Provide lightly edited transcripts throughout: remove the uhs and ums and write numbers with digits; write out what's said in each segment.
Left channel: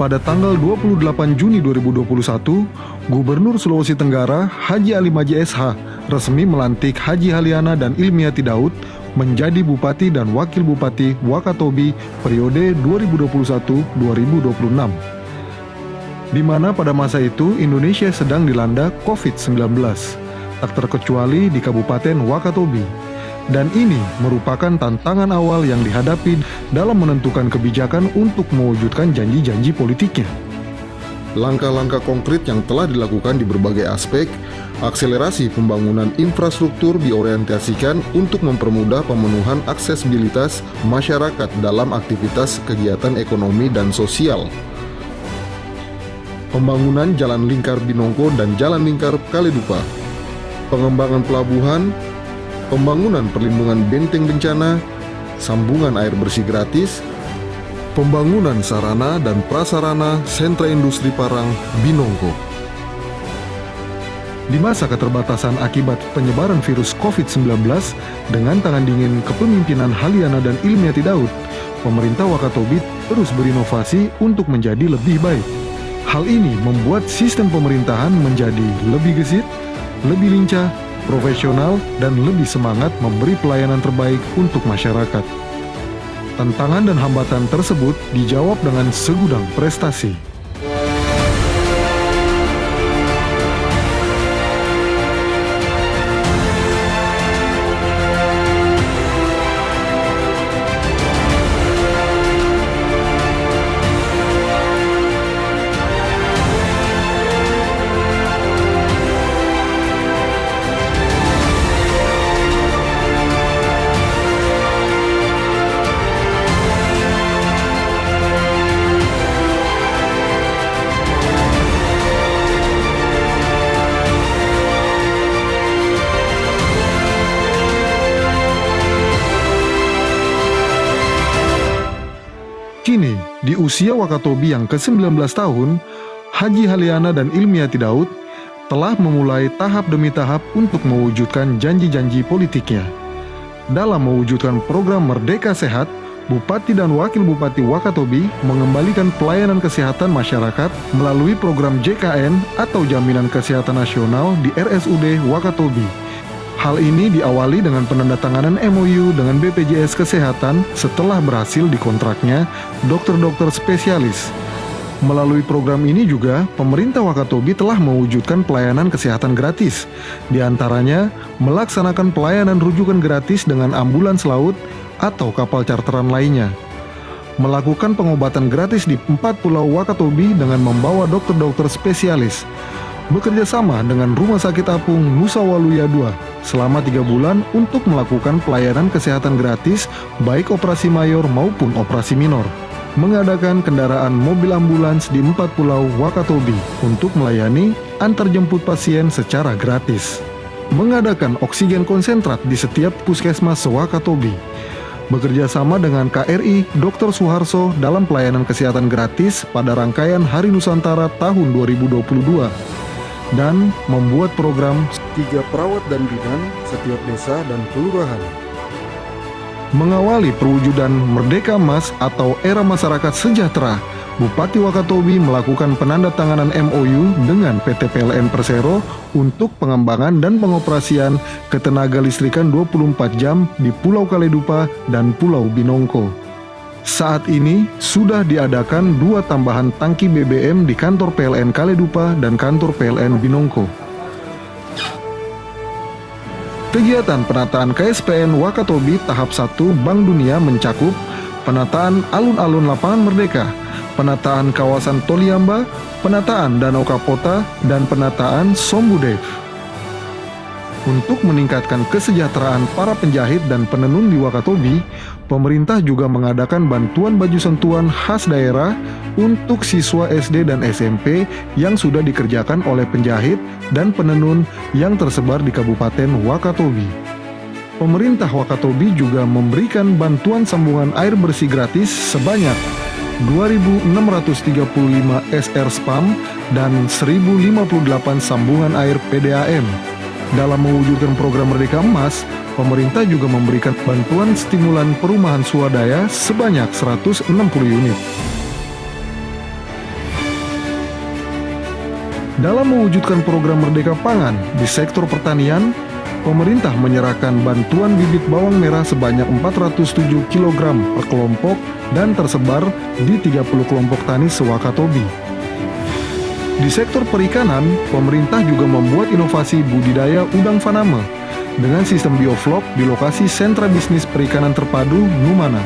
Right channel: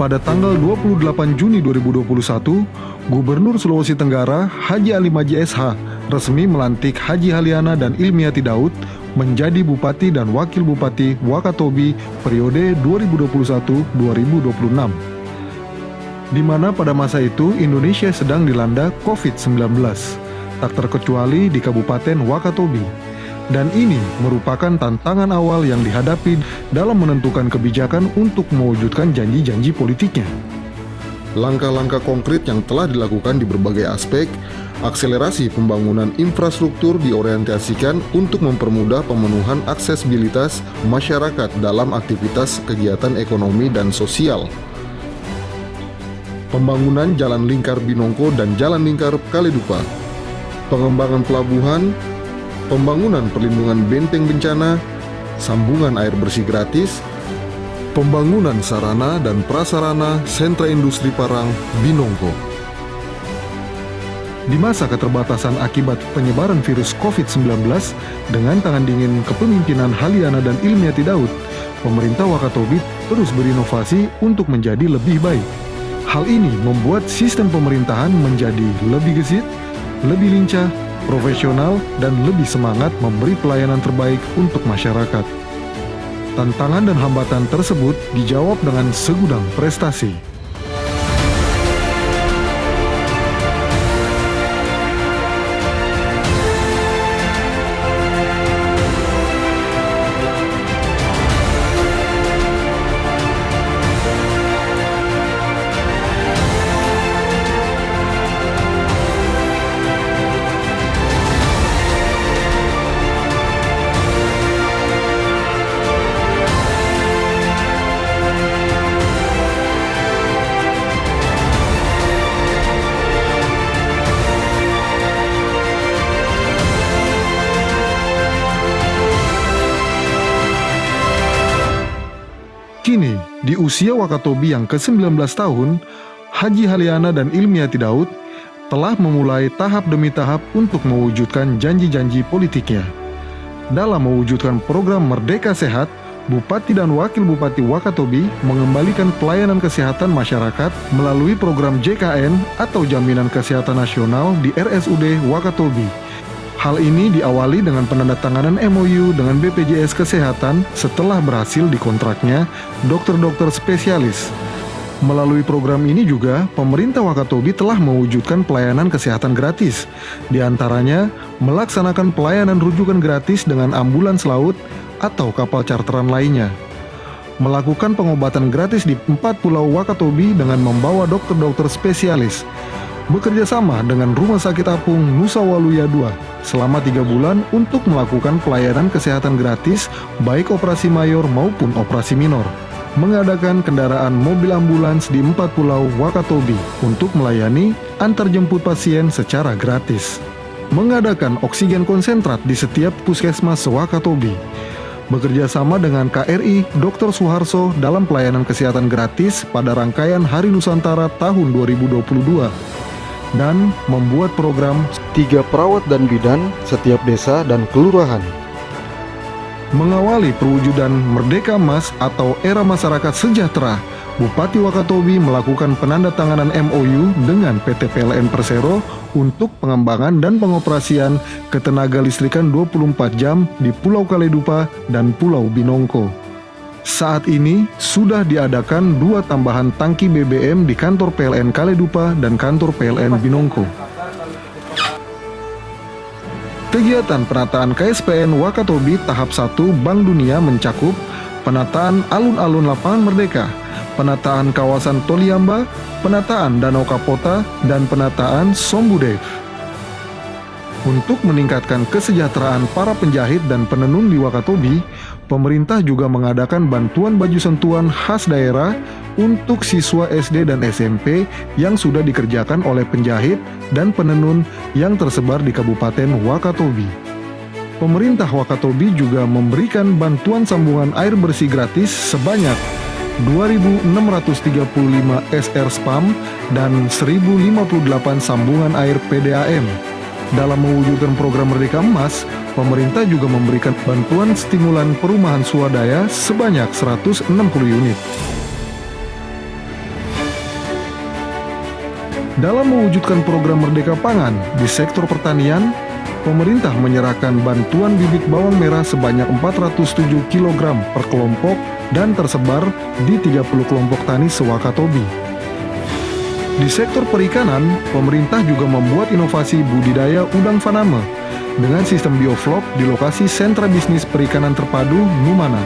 Pada tanggal 28 Juni 2021, Gubernur Sulawesi Tenggara Haji Ali Maji SH resmi melantik Haji Haliana dan Ilmiati Daud menjadi Bupati dan Wakil Bupati Wakatobi periode 2021-2026. Di mana pada masa itu Indonesia sedang dilanda COVID-19, tak terkecuali di Kabupaten Wakatobi. Dan ini merupakan tantangan awal yang dihadapi dalam menentukan kebijakan untuk mewujudkan janji-janji politiknya. Langkah-langkah konkret yang telah dilakukan di berbagai aspek, akselerasi pembangunan infrastruktur diorientasikan untuk mempermudah pemenuhan aksesibilitas masyarakat dalam aktivitas kegiatan ekonomi dan sosial. Pembangunan Jalan Lingkar Binongko dan Jalan Lingkar Kaledupa, pengembangan pelabuhan, pembangunan perlindungan benteng bencana, sambungan air bersih gratis, pembangunan sarana dan prasarana sentra industri Parang Binongko. Di masa keterbatasan akibat penyebaran virus COVID-19, dengan tangan dingin kepemimpinan Haliana dan Ilmiati Daud, pemerintah Wakatobi terus berinovasi untuk menjadi lebih baik. Hal ini membuat sistem pemerintahan menjadi lebih gesit, lebih lincah, profesional, dan lebih semangat memberi pelayanan terbaik untuk masyarakat. Tantangan dan hambatan tersebut dijawab dengan segudang prestasi. Kini, di usia Wakatobi yang ke-19 tahun, Haji Haliana dan Ilmiati Daud telah memulai tahap demi tahap untuk mewujudkan janji-janji politiknya. Dalam mewujudkan program Merdeka Sehat, Bupati dan Wakil Bupati Wakatobi mengembalikan pelayanan kesehatan masyarakat melalui program JKN atau Jaminan Kesehatan Nasional di RSUD Wakatobi. Hal ini diawali dengan penandatanganan MOU dengan BPJS Kesehatan setelah berhasil dikontraknya dokter-dokter spesialis. Melalui program ini juga, pemerintah Wakatobi telah mewujudkan pelayanan kesehatan gratis. Di antaranya, melaksanakan pelayanan rujukan gratis dengan ambulans laut atau kapal charteran lainnya. Melakukan pengobatan gratis di 4 pulau Wakatobi dengan membawa dokter-dokter spesialis. Bekerja sama dengan Rumah Sakit Apung Nusa Waluya II selama 3 bulan untuk melakukan pelayanan kesehatan gratis baik operasi mayor maupun operasi minor. Mengadakan kendaraan mobil ambulans di 4 pulau Wakatobi untuk melayani antarjemput pasien secara gratis. Mengadakan oksigen konsentrat di setiap puskesmas Wakatobi. Bekerja sama dengan KRI Dr. Suharso dalam pelayanan kesehatan gratis pada rangkaian Hari Nusantara tahun 2022. Dan membuat program 3 perawat dan bidan setiap desa dan kelurahan. Mengawali perwujudan Merdeka Emas atau Era Masyarakat Sejahtera, Bupati Wakatobi melakukan penandatanganan MOU dengan PT PLN Persero untuk pengembangan dan pengoperasian ketenaga listrikan 24 jam di Pulau Kaledupa dan Pulau Binongko. Saat ini sudah diadakan 2 tambahan tangki BBM di kantor PLN Kaledupa dan kantor PLN Binongko. Kegiatan penataan KSPN Wakatobi tahap 1 Bank Dunia mencakup penataan alun-alun Lapangan Merdeka, penataan kawasan Toliamba, penataan Danau Kapota, dan penataan Sombudev. Untuk meningkatkan kesejahteraan para penjahit dan penenun di Wakatobi, pemerintah juga mengadakan bantuan baju sentuhan khas daerah untuk siswa SD dan SMP yang sudah dikerjakan oleh penjahit dan penenun yang tersebar di Kabupaten Wakatobi. Pemerintah Wakatobi juga memberikan bantuan sambungan air bersih gratis sebanyak 2.635 SR SPAM dan 1.058 sambungan air PDAM. Dalam mewujudkan program Merdeka Emas, pemerintah juga memberikan bantuan stimulan perumahan swadaya sebanyak 160 unit. Dalam mewujudkan program Merdeka Pangan di sektor pertanian, pemerintah menyerahkan bantuan bibit bawang merah sebanyak 407 kg per kelompok dan tersebar di 30 kelompok tani se-Wakatobi. Di sektor perikanan, pemerintah juga membuat inovasi budidaya udang faname dengan sistem bioflok di lokasi sentra bisnis perikanan terpadu Numana.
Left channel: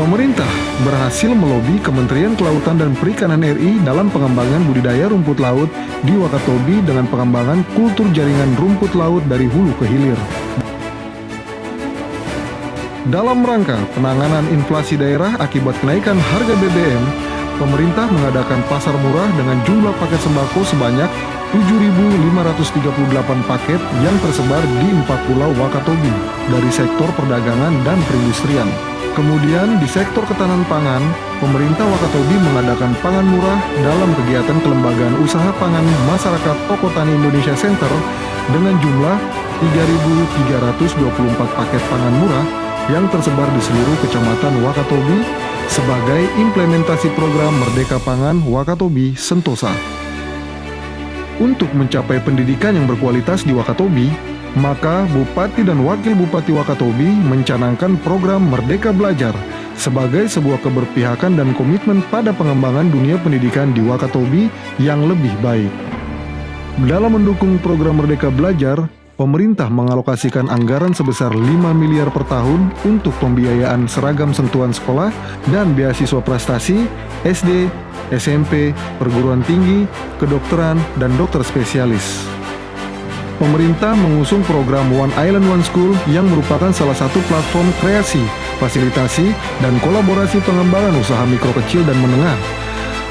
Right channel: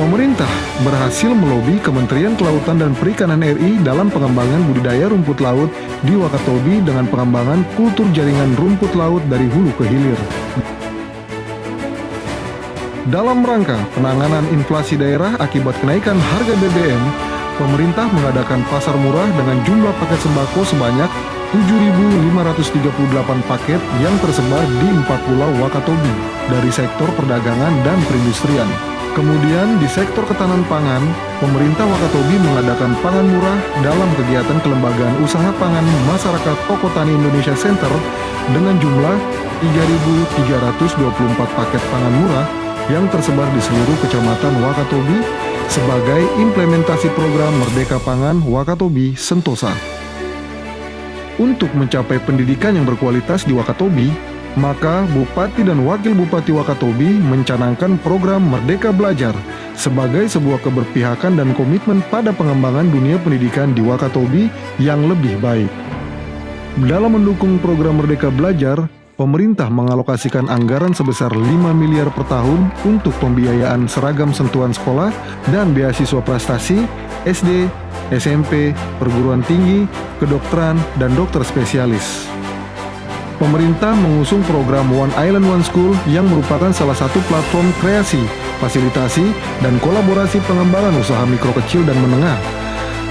Pemerintah berhasil melobi Kementerian Kelautan dan Perikanan RI dalam pengembangan budidaya rumput laut di Wakatobi dengan pengembangan kultur jaringan rumput laut dari hulu ke hilir. Dalam rangka penanganan inflasi daerah akibat kenaikan harga BBM, pemerintah mengadakan pasar murah dengan jumlah paket sembako sebanyak 7.538 paket yang tersebar di 4 pulau Wakatobi dari sektor perdagangan dan perindustrian. Kemudian di sektor ketahanan pangan, pemerintah Wakatobi mengadakan pangan murah dalam kegiatan kelembagaan usaha pangan masyarakat Toko Tani Indonesia Center dengan jumlah 3.324 paket pangan murah yang tersebar di seluruh kecamatan Wakatobi sebagai implementasi program Merdeka Pangan Wakatobi Sentosa. Untuk mencapai pendidikan yang berkualitas di Wakatobi, maka Bupati dan Wakil Bupati Wakatobi mencanangkan program Merdeka Belajar sebagai sebuah keberpihakan dan komitmen pada pengembangan dunia pendidikan di Wakatobi yang lebih baik. Dalam mendukung program Merdeka Belajar, pemerintah mengalokasikan anggaran sebesar 5 miliar per tahun untuk pembiayaan seragam sentuhan sekolah dan beasiswa prestasi, SD, SMP, perguruan tinggi, kedokteran, dan dokter spesialis. Pemerintah mengusung program One Island One School yang merupakan salah satu platform kreasi, fasilitasi, dan kolaborasi pengembangan usaha mikro kecil dan menengah,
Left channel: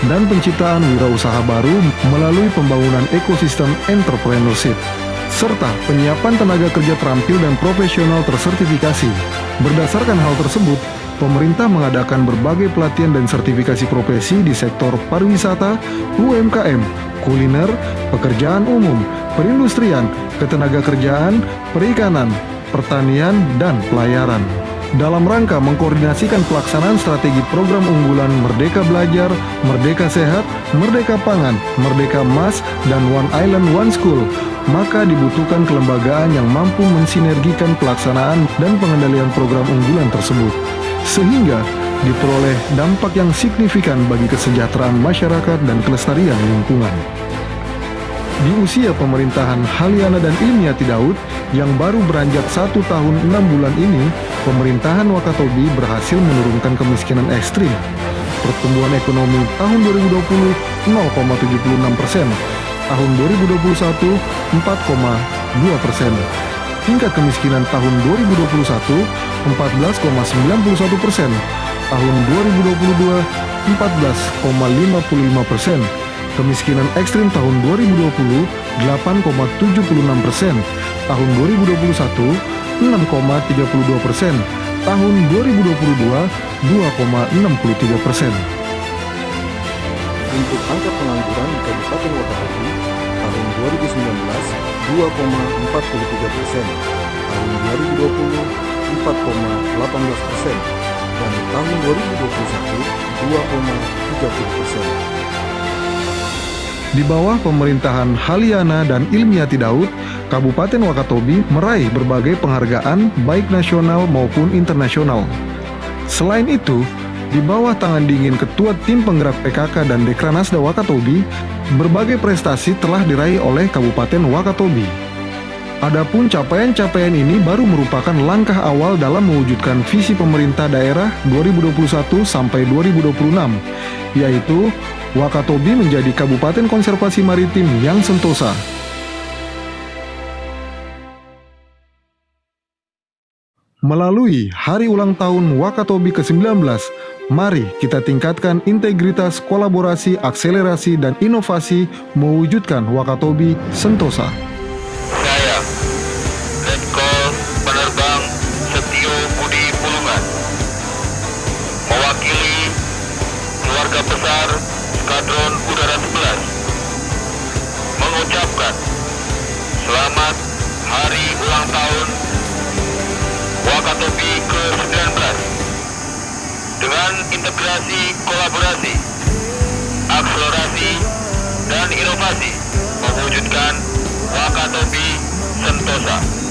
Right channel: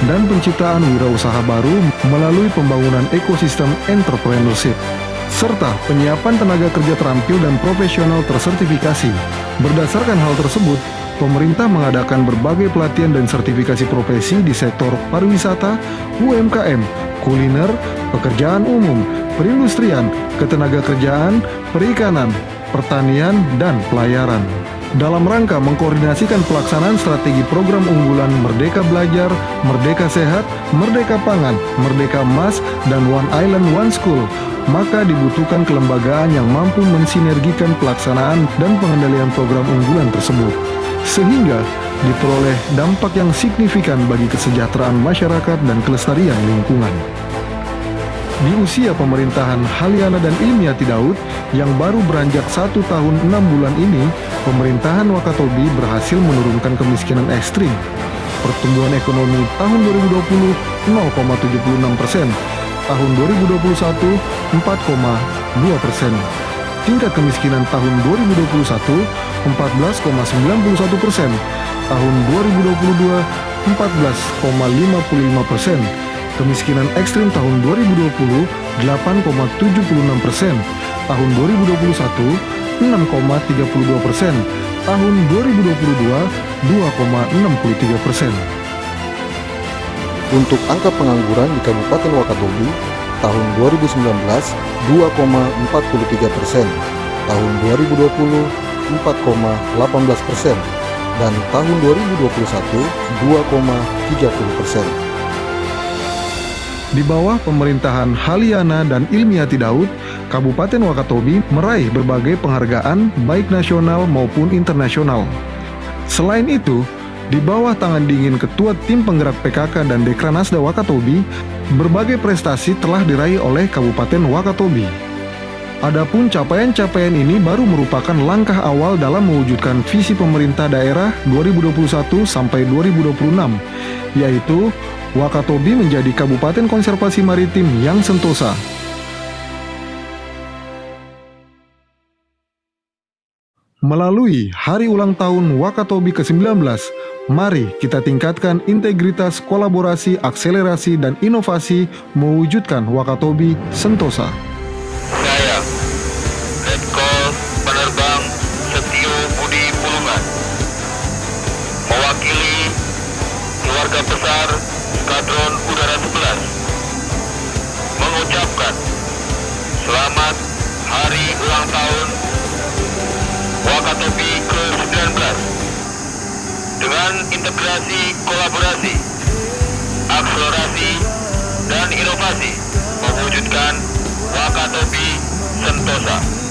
dan penciptaan wirausaha baru melalui pembangunan ekosistem entrepreneurship, serta penyiapan tenaga kerja terampil dan profesional tersertifikasi. Berdasarkan hal tersebut, pemerintah mengadakan berbagai pelatihan dan sertifikasi profesi di sektor pariwisata, UMKM, kuliner, pekerjaan umum, perindustrian, ketenagakerjaan, perikanan, pertanian, dan pelayaran. Dalam rangka mengkoordinasikan pelaksanaan strategi program unggulan Merdeka Belajar, Merdeka Sehat, Merdeka Pangan, Merdeka Emas, dan One Island One School, maka dibutuhkan kelembagaan yang mampu mensinergikan pelaksanaan dan pengendalian program unggulan tersebut, sehingga diperoleh dampak yang signifikan bagi kesejahteraan masyarakat dan kelestarian lingkungan. Di usia pemerintahan Haliana dan Ilmiati Daud yang baru beranjak 1 tahun 6 bulan ini, pemerintahan Wakatobi berhasil menurunkan kemiskinan ekstrim. Pertumbuhan ekonomi tahun 2020 0,76%, tahun 2021 4,2%. Tingkat kemiskinan tahun 2021 14,91%, tahun 2022 14,55%. Kemiskinan ekstrim tahun 2020 8,76%, tahun 2021 6,32%, tahun 2022 2,63%. Untuk angka pengangguran di Kabupaten Wakatobi tahun 2019 2,43%, tahun 2020 4,18%, dan tahun 2021 2,30%. Di bawah pemerintahan Haliana dan Ilmiati Daud, Kabupaten Wakatobi meraih berbagai penghargaan baik nasional maupun internasional. Selain itu, di bawah tangan dingin Ketua Tim Penggerak PKK dan Dekranasda Wakatobi, berbagai prestasi telah diraih oleh Kabupaten Wakatobi. Adapun capaian-capaian ini baru merupakan langkah awal dalam mewujudkan visi pemerintah daerah 2021 sampai 2026, yaitu Wakatobi menjadi Kabupaten Konservasi Maritim yang sentosa. Melalui Hari Ulang Tahun Wakatobi ke-19, mari kita tingkatkan integritas, kolaborasi, akselerasi, dan inovasi mewujudkan Wakatobi sentosa. Saya, Letkol Penerbang Setio Budi Pulungan, mewakili keluarga besar Skadron Udara 11, mengucapkan selamat Hari Ulang Tahun Wakatobi ke-19 dengan dan integrasi kolaborasi, akselerasi, dan inovasi mewujudkan Wakatobi Sentosa.